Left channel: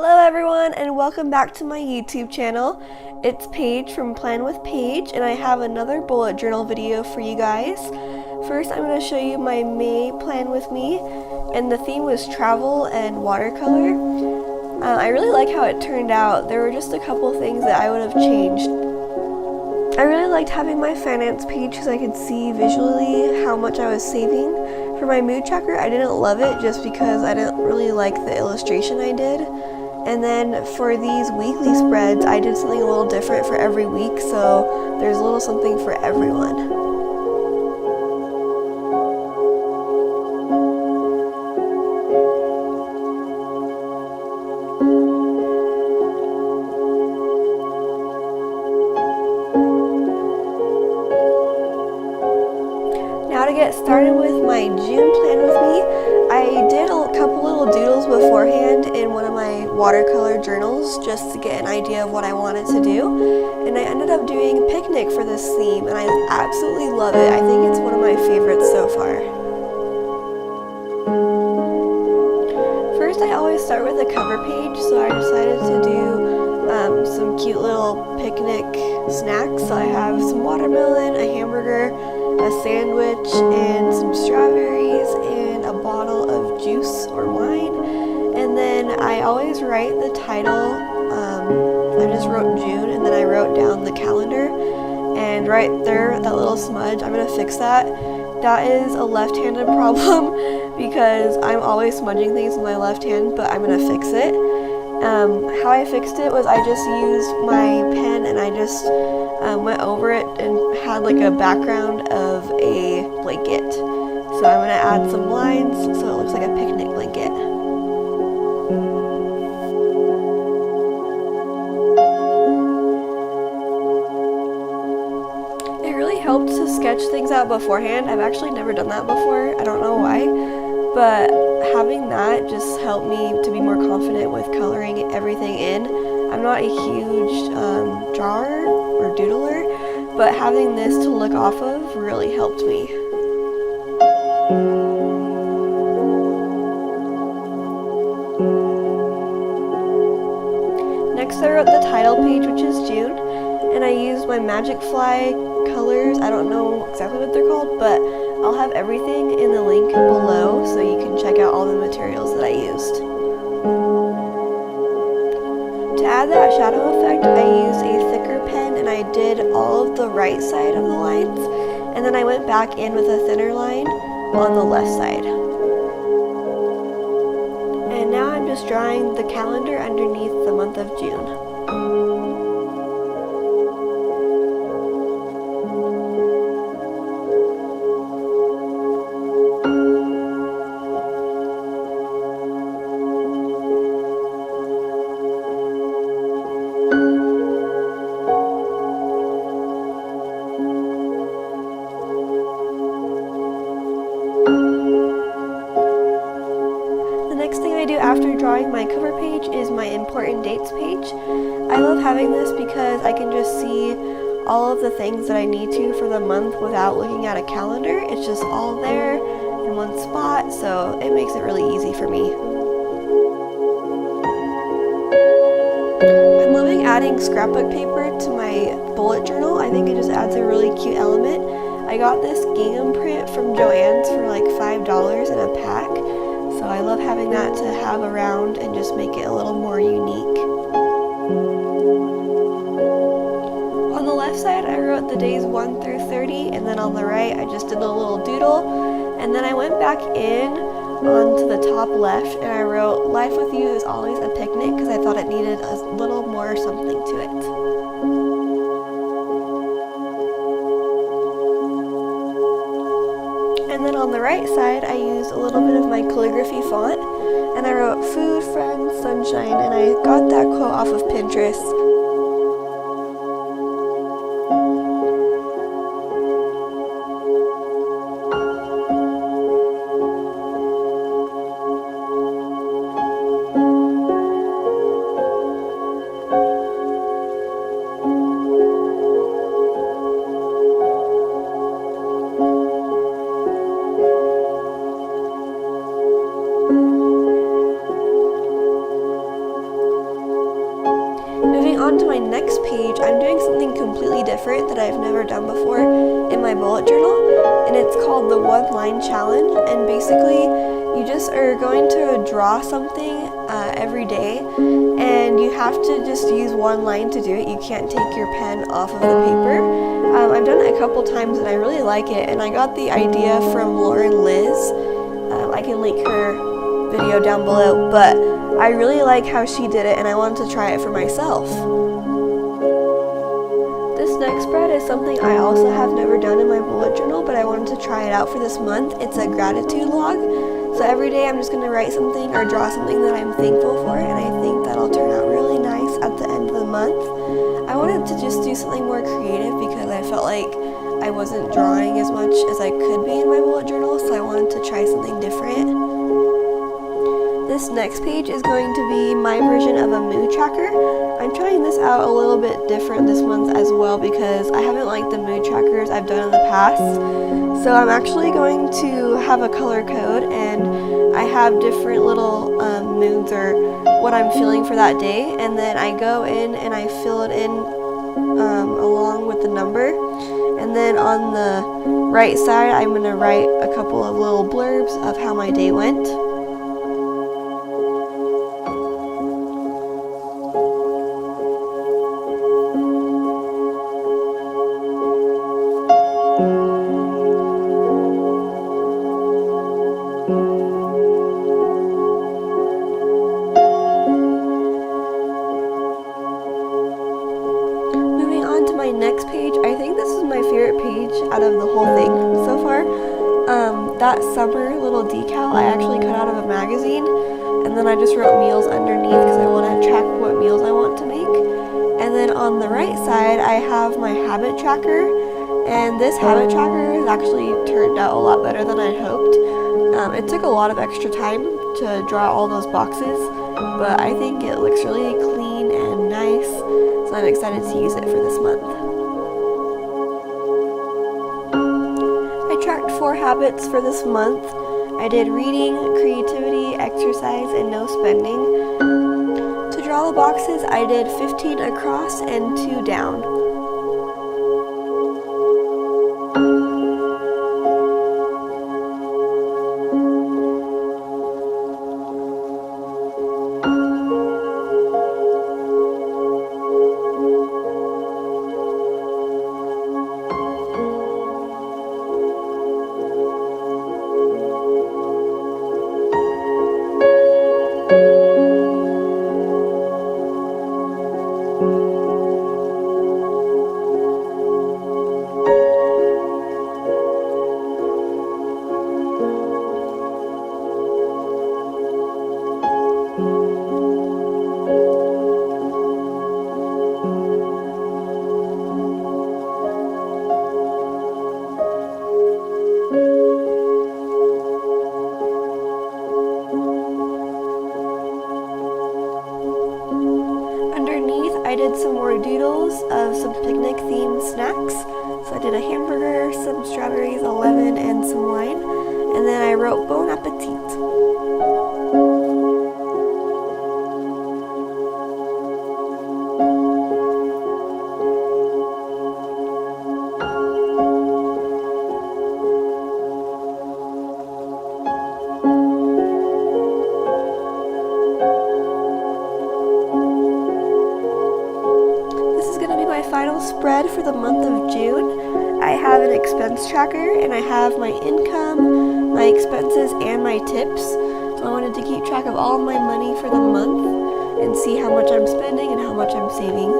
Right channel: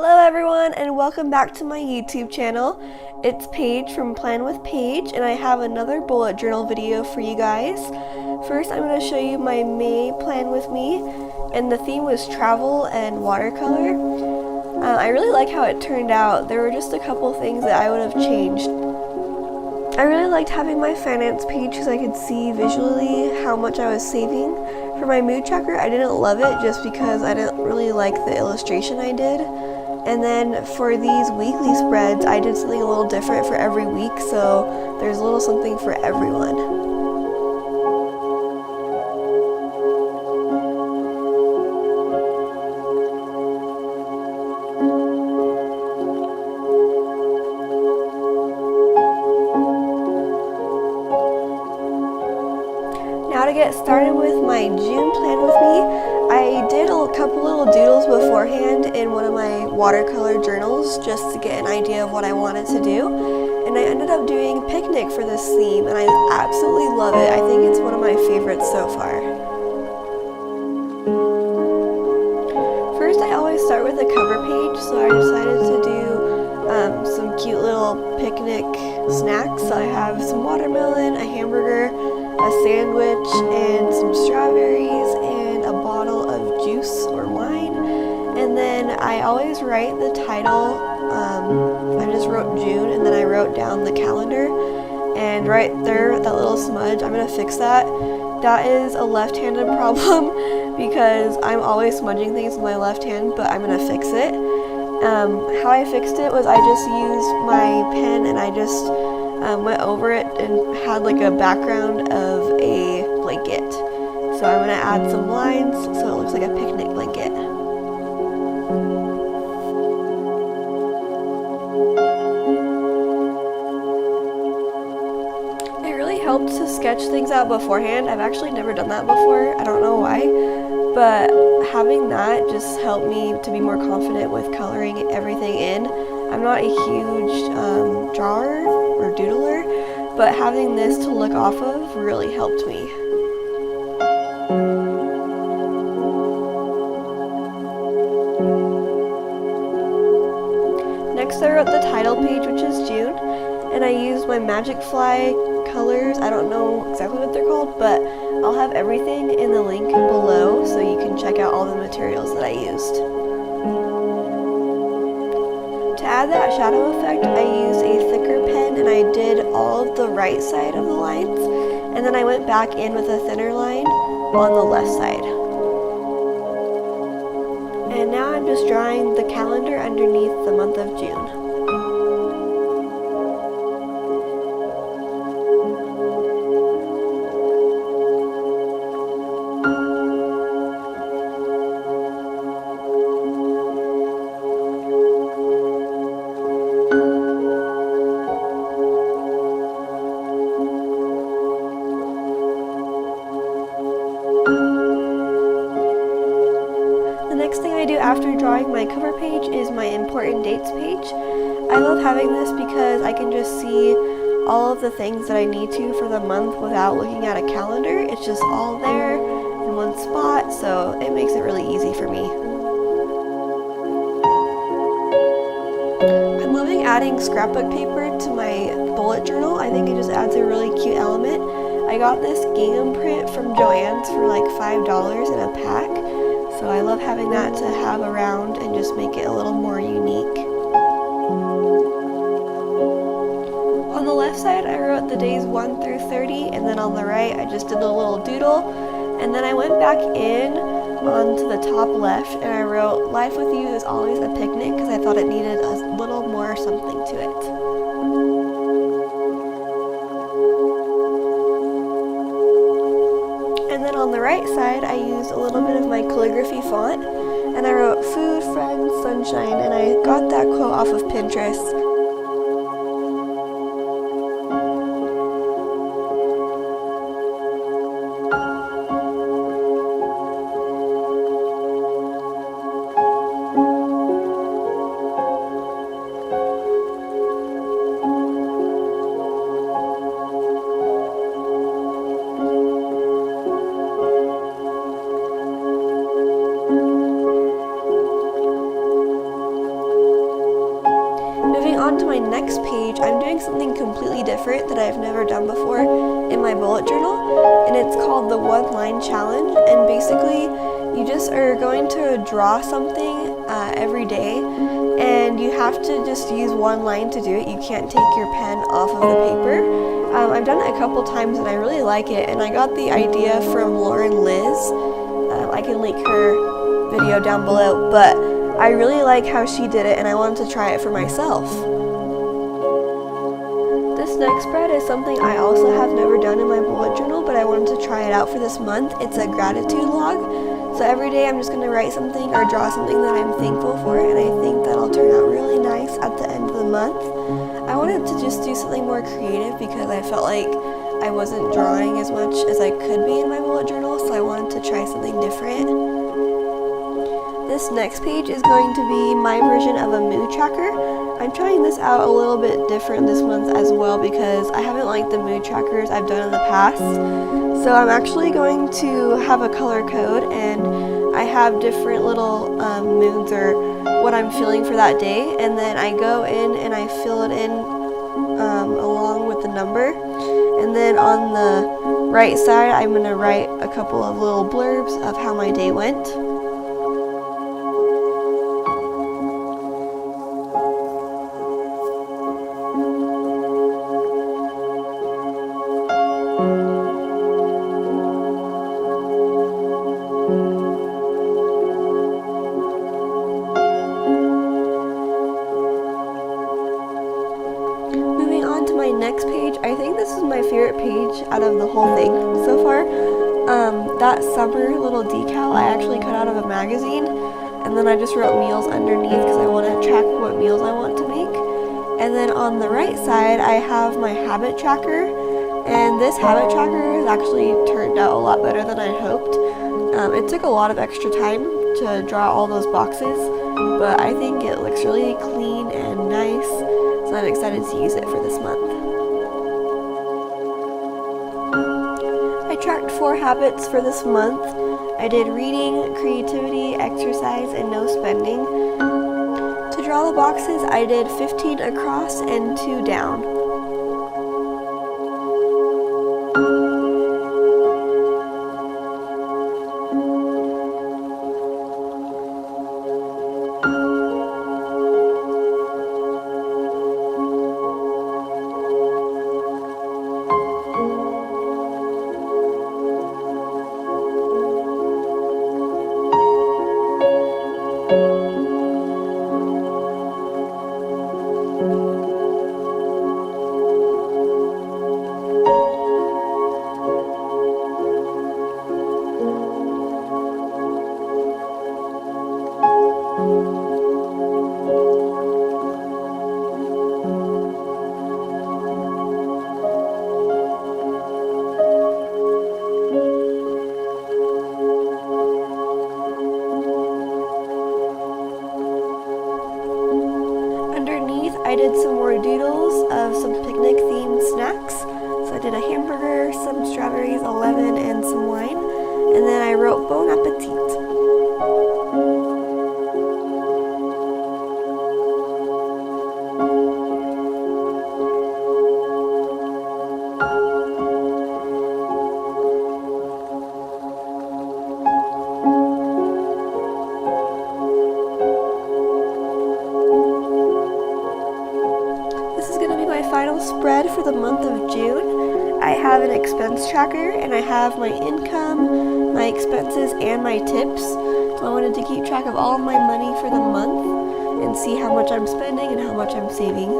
Hello everyone and welcome back to my YouTube channel. It's Paige from Plan with Paige and I have another bullet journal video for you guys. First I'm going to show you my May plan with me and the theme was travel and watercolor. I really like how it turned out. There were just a couple things that I would have changed. I really liked having my finance page because I could see visually how much I was saving. For my mood tracker I didn't love it just because I didn't really like the illustration I did. And then for these weekly spreads, I did something a little different for every week, so there's a little something for everyone. Now to get started with my June plan with me, I did a couple little doodles beforehand in one of my watercolor journals just to get an idea of what I wanted to do. And I ended up doing picnic for this theme and I absolutely love it. I think it's one of my favorites so far. First I always start with a cover page, so I decided to do some cute little picnic snacks. So I have some watermelon, a hamburger, a sandwich, and some strawberries, and a bottle of juice or wine. And then I always write the title. I just wrote June, and then I wrote down the calendar. And right there, that little smudge, I'm gonna fix that. That is a left-handed problem because I'm always smudging things with my left hand, but I'm gonna fix it. How I fixed it was I just used my pen and I just went over it and had like a background of a blanket. So I'm going to add some lines so it looks like a picnic blanket. It really helped to sketch things out beforehand. I've actually never done that before. I don't know why, but having that just helped me to be more confident with coloring everything in. I'm not a huge drawer or doodler, but having this to look off of really helped me. Next I wrote the title page, which is June, and I used my Magic Fly colors. I don't know exactly what they're called, but I'll have everything in the link below so you can check out all the materials that I used. To add that shadow effect, I used a thicker pen and I did all of the right side of the lines, and then I went back in with a thinner line on the left side. And now I'm just drawing the calendar underneath the month of June. The next thing I do after drawing my cover page is my important dates page. I love having this because I can just see all of the things that I need to for the month without looking at a calendar. It's just all there in one spot, so it makes it really easy for me. I'm loving adding scrapbook paper to my bullet journal. I think it just adds a really cute element. I got this gingham print from Joann's for like $5 in a pack. So I love having that to have around and just make it a little more unique. On the left side I wrote the days 1 through 30, and then on the right I just did a little doodle, and then I went back in onto the top left and I wrote life with you is always a picnic because I thought it needed a little more something to it. And then on the right side, I used a little bit of my calligraphy font, and I wrote food, friends, sunshine, and I got that quote off of Pinterest. on to my next page, I'm doing something completely different that I've never done before in my bullet journal, and it's called the one line challenge. And basically you just are going to draw something every day, and you have to just use one line to do it. You can't take your pen off of the paper. I've done it a couple times and I really like it, and I got the idea from Lauren Liz. I can link her video down below, but I really like how she did it and I wanted to try it for myself. This next spread is something I also have never done in my bullet journal, but I wanted to try it out for this month. It's a gratitude log. So every day I'm just going to write something or draw something that I'm thankful for, and I think that'll turn out really nice at the end of the month. I wanted to just do something more creative because I felt like I wasn't drawing as much as I could be in my bullet journal, so I wanted to try something different. This next page is going to be my version of a mood tracker. I'm trying this out a little bit different this month as well because I haven't liked the mood trackers I've done in the past. So I'm actually going to have a color code, and I have different little moods or what I'm feeling for that day, and then I go in and I fill it in along with the number. And then on the right side I'm going to write a couple of little blurbs of how my day went. Moving on to my next page, I think this is my favorite page out of the whole thing so far. That summer little decal I actually cut out of a magazine, and then I just wrote meals underneath because I want to track what meals I want to make. And then on the right side I have my habit tracker, and this habit tracker has actually turned out a lot better than I hoped. It took a lot of extra time to draw all those boxes, but I think it looks really clean and nice, so I'm excited to use it for this month. I tracked 4 habits for this month. I did reading, creativity, exercise, and no spending. To draw the boxes, I did 15 across and 2 down. Underneath, I did some more doodles of some picnic-themed snacks. So I did a hamburger, some strawberries, a lemon, and some wine. And then I wrote Bon Appetit. This is going to be my final spread for the month of June. I have an expense tracker, and I have my income, my expenses, and my tips. So I wanted to keep track of all my money for the month and see how much I'm spending and how much I'm saving.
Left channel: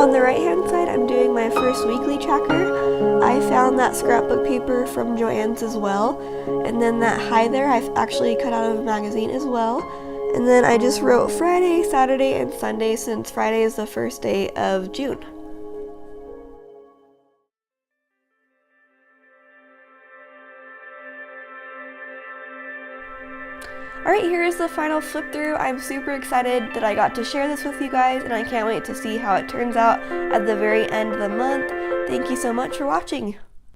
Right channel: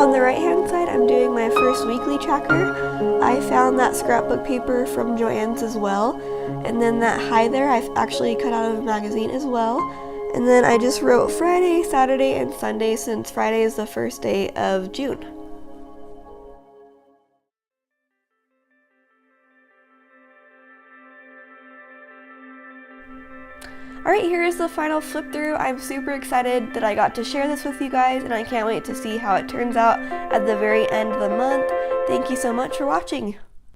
On the right hand side, I'm doing my first weekly tracker. I found that scrapbook paper from Joann's as well, and then that high there I've actually cut out of a magazine as well. And then I just wrote Friday, Saturday, and Sunday since Friday is the first day of June. Alright, here is the final flip through. I'm super excited that I got to share this with you guys, and I can't wait to see how it turns out at the very end of the month. Thank you so much for watching.